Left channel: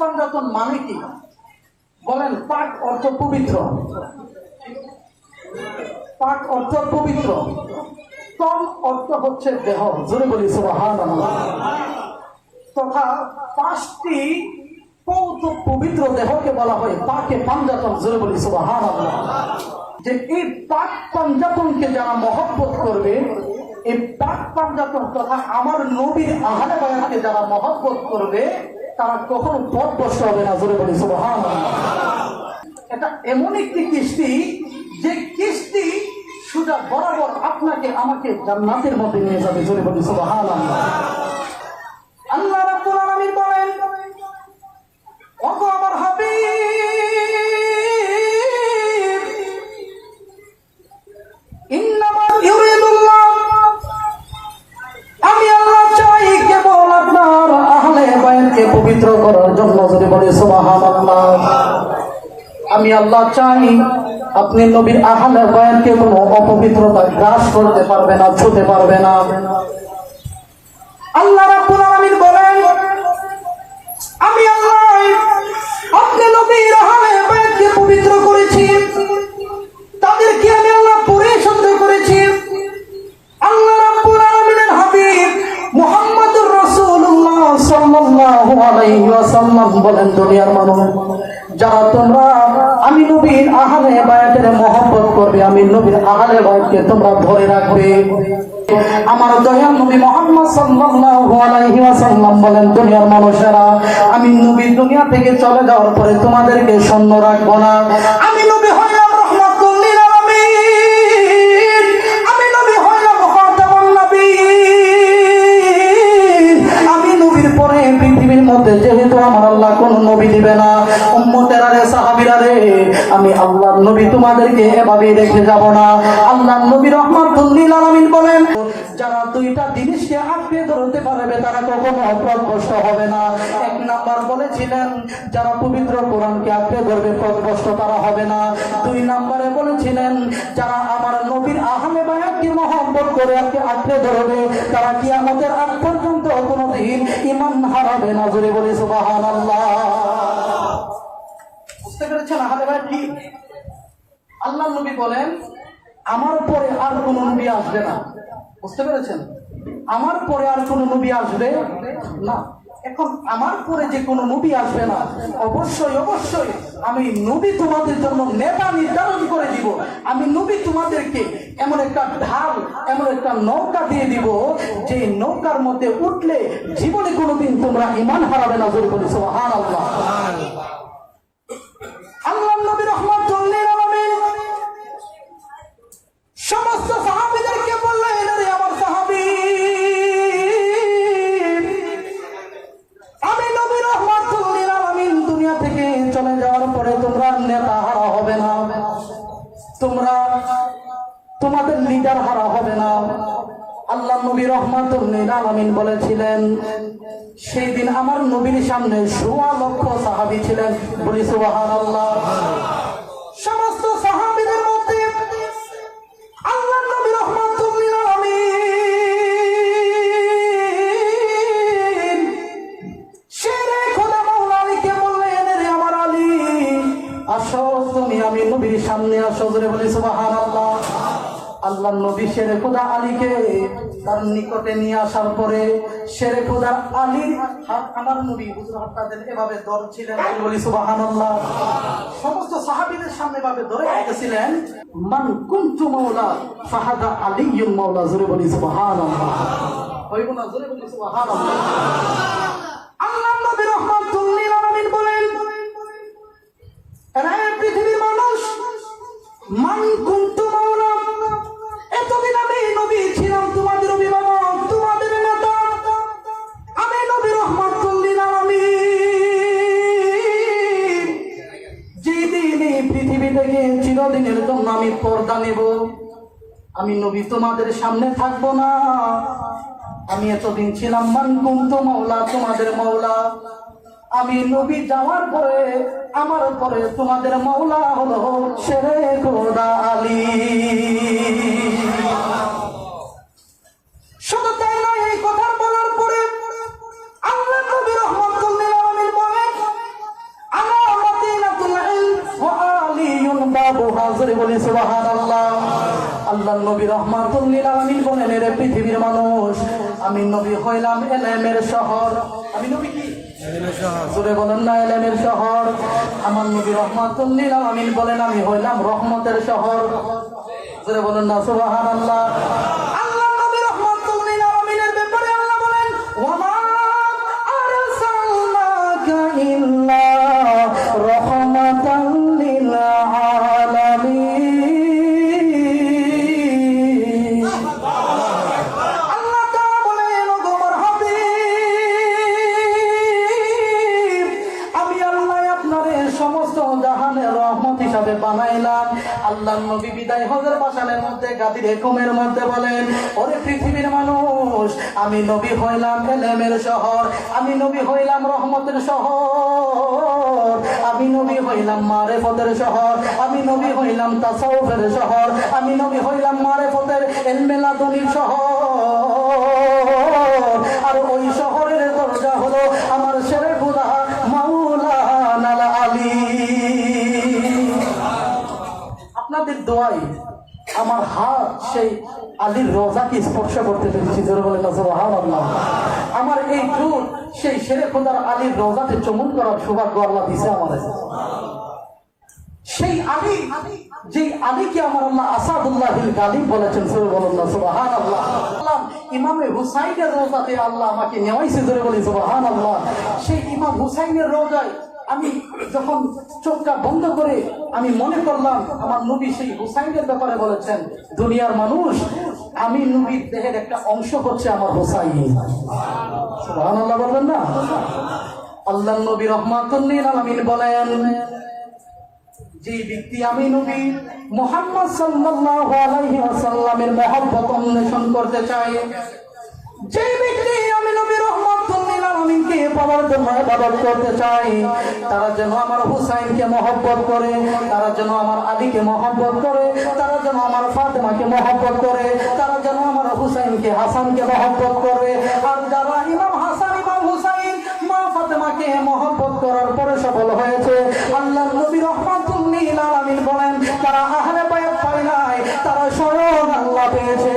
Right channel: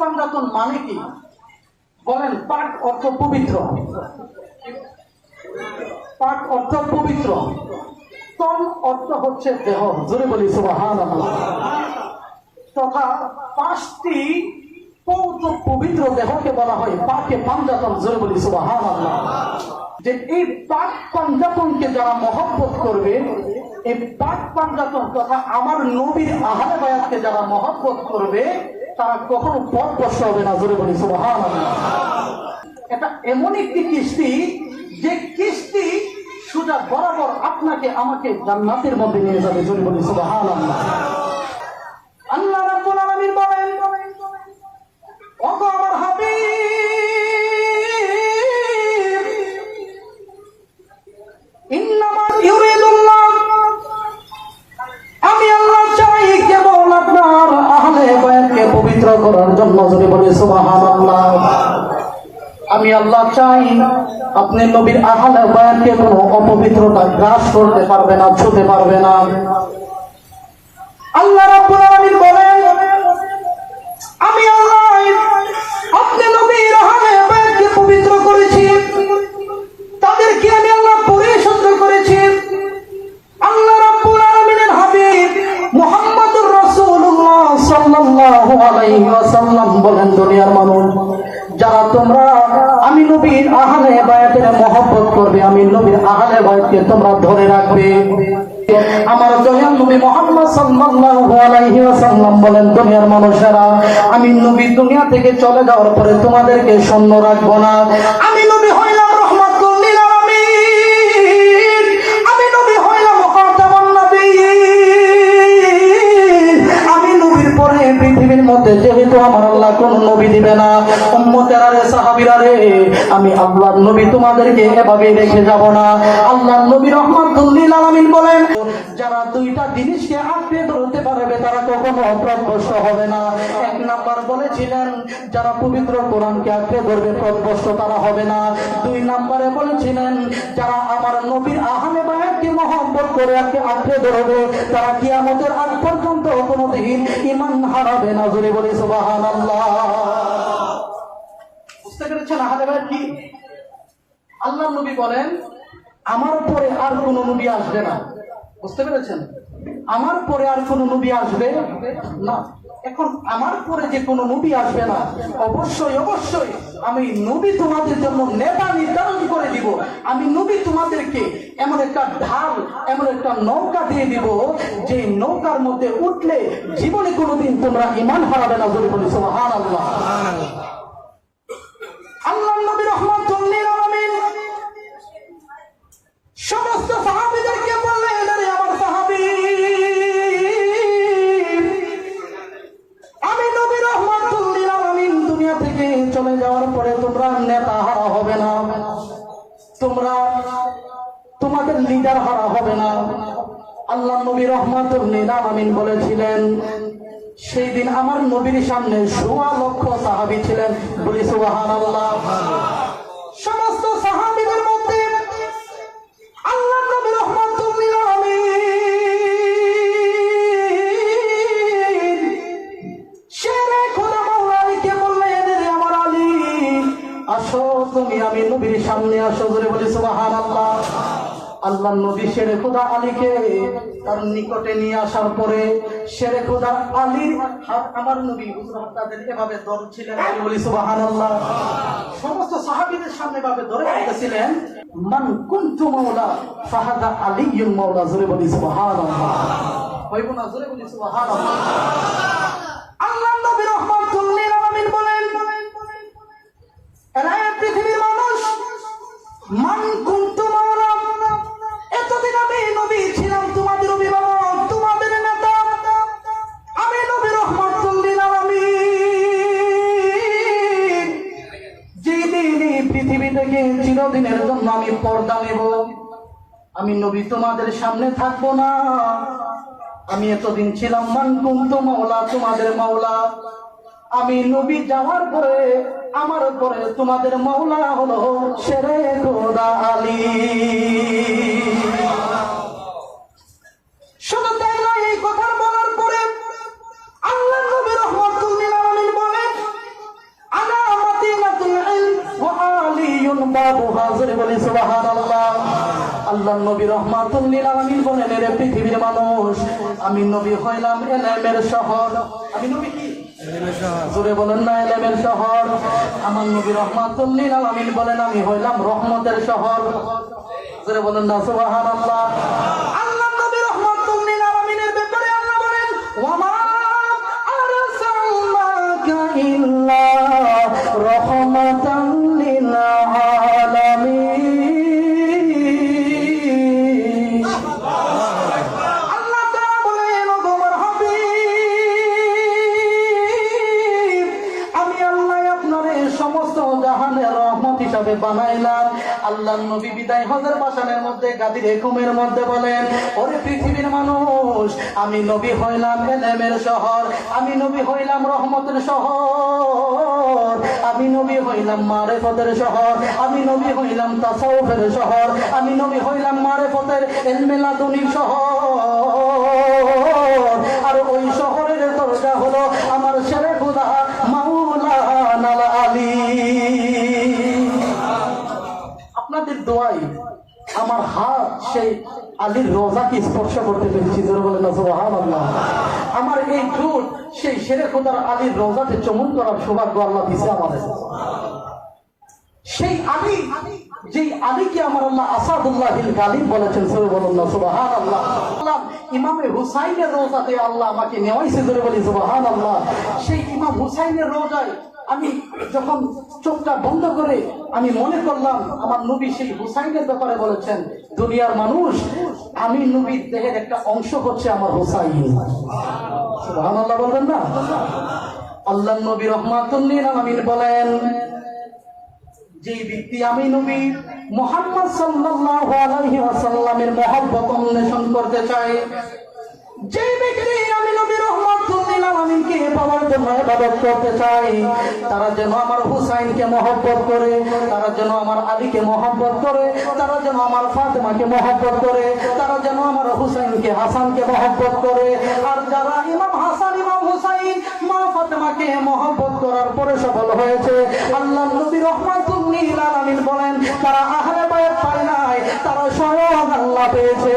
পাঞ্জাতন মানে কি বলেন? পাক অর্থ পবিত্র, পাক অর্থ পবিত্র, তন অর্থ হচ্ছে দেহ, জোরে বলি সুবহানাল্লাহ। তথা 5টি পবিত্র দেহকে বলা হয় পাকে পাঞ্জাতন, জোরে বলি সুবহানাল্লাহ। যে এই পাক পাঞ্জাতনকে যারা মহব্বত করবে, এই পাক পাঞ্জাতন তথা আমার নবীর আহলে বায়াতকে যারা মহব্বত করবে, তারা কখনো পথভ্রষ্ট হবে না, জোরে বলি সুবহানাল্লাহ। এটা এমন একটি কিস্তি, যে কিস্তি সোজা বরাবর আপনাকে আমাকে জান্নাতের মধ্যে নিয়ে যাবে, জোরে বলি সুবহানাল্লাহ। আল্লাহ রাব্বুল আলামিন বলেন, ওগো আমার হাবিব, ইন্নামা ইউরিদুল্লাহ, আমি আল্লাহ চাই কেবল আপনার আহলে বায়াতকে পবিত্র করার জন্য, জোরে বলি সুবহানাল্লাহ। আমি আল্লাহ চাই আপনি নবীর আহলে বায়াতকে কোনো অপবিত্রতা গ্রাস করতে পারবে না, ছুঁতে পারবে না। আল্লাহ রাব্বুল আলামিন বলেন, আমি আল্লাহ আপনি নবীর আহলে বায়াতকে পবিত্র করেছি, তাদেরকে আমি আল্লাহ পরিশুদ্ধ করেছি। আল্লাহ রাব্বুল আলামিনের হাবিব মুহাম্মদুর রাসূলুল্লাহ সাল্লাল্লাহু আলাইহি ওয়াসাল্লাম বলেন, দুনিয়ার মানুষ যারা তোমরা আমি নবীর আহলে বায়াতের মহব্বত করবে, আমি নবীর আহলে বায়াতকে তোমরা ধরে রাখবে। আমার দয়াল নবী মুহাম্মদ সাল্লাল্লাহু আলাইহি ওয়াসাল্লাম বলেন, দুনিয়ার মানুষেরা আমি নবী দুনিয়া থেকে চলে যাওয়ার পরে তোমাদেরকে শূন্য রাখবো না। আমি নবী হইলাম রাহমাতুল লিল আলামিন, আমি নবী হইলাম খাতামুন নবিয়্যিন। আমি নবীর পরে পৃথিবীর মধ্যে যেহেতু আমার আল্লাহ কোন নবী দিবে না, উম্মতেরা রে, সাহাবীরা রে, আমি আল্লাহর নবী তোমাদেরকে এভাবে রেখে যাব না। আল্লাহর নবী রাহমাতুল লিল আলামিন বলেন, যারা দুইটা জিনিসকে আঁকড়ে ধরতে পারবে তারা কখনো পথভ্রষ্ট হবে না। এক নাম্বার বলেছিলেন, যারা পবিত্র কোরআনকে আঁকড়ে ধরবে পথভ্রষ্ট তারা হবে না। 2 নম্বরে বলেছিলেন, যারা আমার নবীর আহলে বায়াতকে মহব্বত করে আঁকড়ে ধরবে তারা কিয়ামতের আগ পর্যন্ত কোনোদিন ঈমান হারাবে না, জোরে বলি সুবহানাল্লাহ। বুঝতে পেরেছেন আহলে বায়াত কি? আল্লাহর নবী বলেন, আমার পরে আর কোন নবী আসবে না। বুঝতে পেরেছেন? আমার পরে আর কোন নবী আসবে না। এখন আমার পরে যে কোন নবী আসবে না, অবশ্যই অবশ্যই আমি নবী তোমাদের জন্য নেতা নির্ধারণ করে দিব। আমি নবী তোমাদেরকে এমন একটা ঢাল, এমন একটা নৌকা দিয়ে দিব, যে নৌকার মধ্যে উঠলে জীবনে কোনোদিন তোমরা ঈমান হারাবে না, জোরে বলি সুবহানাল্লাহ। আল্লাহ নবী রাহমাতুল লিল আলামিন সমস্ত সাহাবীদেরকে বললেন, আরে আমার সাহাবী, আমি নবী রাহমাতুল লিল আলামিন দুনিয়া থেকে চলে যাওয়ার পরে তোমরা নেতা হারা হবে না, তোমরা তোমাদের লিডার হারা হবে না। আল্লাহ নবী রাহমাতুল লিল আলামিন বলেছিলেন, সেই দিন আমার নবীর সামনে 1.25 লক্ষ সাহাবী ছিলেন, বলি সুবহানাল্লাহ। সমস্ত সাহাবীদের মধ্যে আল্লাহ নবী রাহমাতুল লিল আলামিন শেরে খোদা মাওলা আলীকে বললেন, রে আমার আলী, আসো তুমি আমি নবীর সামনে আসো, জোরে বলি সুবহানাল্লাহ। আল্লাহ নবী শেরে খোদা আলীকে তার নিকটে নিয়ে আসার পরে শেরে খোদা আলীর হাত আমার নবী হুজুর তাদের এভাবে ধরছিলেন, বলি সুবহানাল্লাহ। সমস্ত সাহাবীদের সামনে এভাবে ধরে বলতেছিলেন, মান কুনতু মাওলা ফাহাদা আলিয়্যুল মাওলা, জোরে বলি সুবহানাল্লাহ। হইব না, জোরে বলি সুবহানাল্লাহ। আল্লাহ নবী রাহমাতুল লিল আলামিন বলেন, এরা পৃথিবীর মানুষ, মান কুনতু মাওলা, এতদিন আমি নবী ছিলাম তোমাদের অভিভাবক, তোমাদের নেতা। আমি নবী রাহমাতুল লিল আলামিন যেদিন এই পৃথিবী থেকে চিরদিনের জন্য আমি পর্দা নেব, আমি নবী তোমাদের সামনে থাকবো না। আমি এতদিন ছিলাম মান কুনতু মাওলা, তোমাদের মাওলা। আমি নবী যাওয়ার পরে আমার পরে তোমাদের মাওলা হলো শেরে খোদা আলী। শুধু তাই নয়, এই কথা বলার পরে আল্লাহ নবী রাহমাতুল লিল আলামিন বলেন, জোরে বলি সুবহানাল্লাহ। আল্লাহ নবী রাহমাতুল লিল আলামিন বলেন, এর পৃথিবীর মানুষ, আমি নবী হইলাম ইলমের শহর। আমি নবী কি? ইলমের শহর। জোরে বলেন না, ইলমের শহর। আমার নবী রাহমাতুল লিল আলামিন বলেন, আমি হইলাম রহমতের শহর। জোরে বলেন না সুবহানাল্লাহ। আল্লাহ নবী রাহমাতুল লিল আলামিনের ব্যাপারে আল্লাহ বলেন, ওয়া মা আরসালনাকা ইল্লা রাহমাতান লিল আলামিন। আল্লাহ তাআলা বলেন, ও আমার হাবিব, আমি আল্লাহ আপনারে সমস্ত জাহানের রহমত হিসাবে বানাইলাম। আল্লাহ নবী বিদায় হজের বাসানের মধ্যে গাদির হুকুমের মধ্যে বলেন, ওরে পৃথিবীর মানুষ, আমি নবী হইলাম ইলমের শহর, আমি নবী হইলাম রহমতের শহর, আমি নবী হইলাম মারিফতের শহর, আমি নবী হইলাম তাসাউফের শহর, আমি নবী হইলাম মারিফতের ইলমে লাদুনির শহর। আর ওই শহরের দরজা হলো আমার শেরে খুদা মাওলানা আলী। আপনাদের দোয়াই আমার হাত সেই আলীর রোজাকে স্পর্শ করতে পেরেছি। জোরে বলেন না সুবহানাল্লাহ। আমার এই ঠোঁট সেই শেরে খোদার আলীর রোজাতে চুমুন করার সৌভাগ্য আল্লাহ দিছে আমাদের। সেই আলী, যেই আলীকে আমার আল্লাহ আসাদুল্লাহিল গালিব বলেছেন। জোরে বলেন না সুবহানাল্লাহ। ইমামে হুসাইনের রোজাতে আল্লাহ আমাকে নেওয়াইছে। জোরে বলি সুবহানাল্লাহ। সেই ইমাম হুসাইনের রোজায় আমি যখন চোখটা বন্ধ করে আমি মনে করলাম আমার নবী সেই হুসাইনের ব্যাপারে বলেছেন, দুনিয়ার মানুষ, আমি নবীর দেহের একটা অংশ হচ্ছে আমার হুসাইন। সুবহানাল্লাহ বলবেন না? আল্লাহ নবী রাহমাতুল লিল আলামিন বলেন, যে ব্যক্তি আমি নবী মুহাম্মদ সাল্লাল্লাহু আলাইহি ওয়াসাল্লামের মহব্বত অন্বেষণ করতে চায়, যে ব্যক্তি আমি নবী রাহমাতুল লিল আলামিনকে পাওয়ার জন্য ইবাদত করতে চায়, তারা যেন আমার হুসাইনকে মহব্বত করে, তারা যেন আমার আলীকে মহব্বত করে, তারা যেন আমার ফাতেমাকে মহব্বত করে, তারা যেন আমার হুসাইনকে হাসানকে মহব্বত করে। আর যারা ইমাম হাসান ইমাম হুসাইন মা ফাতেমাকে মহব্বত করার পরে সফল হয়েছে, আল্লাহ নবী রাহমাতুল লিল আলামিন বলেন, তারা আহলে বায়াত পায় নাই, তারা স্বয়ং আল্লাহ পেয়েছে।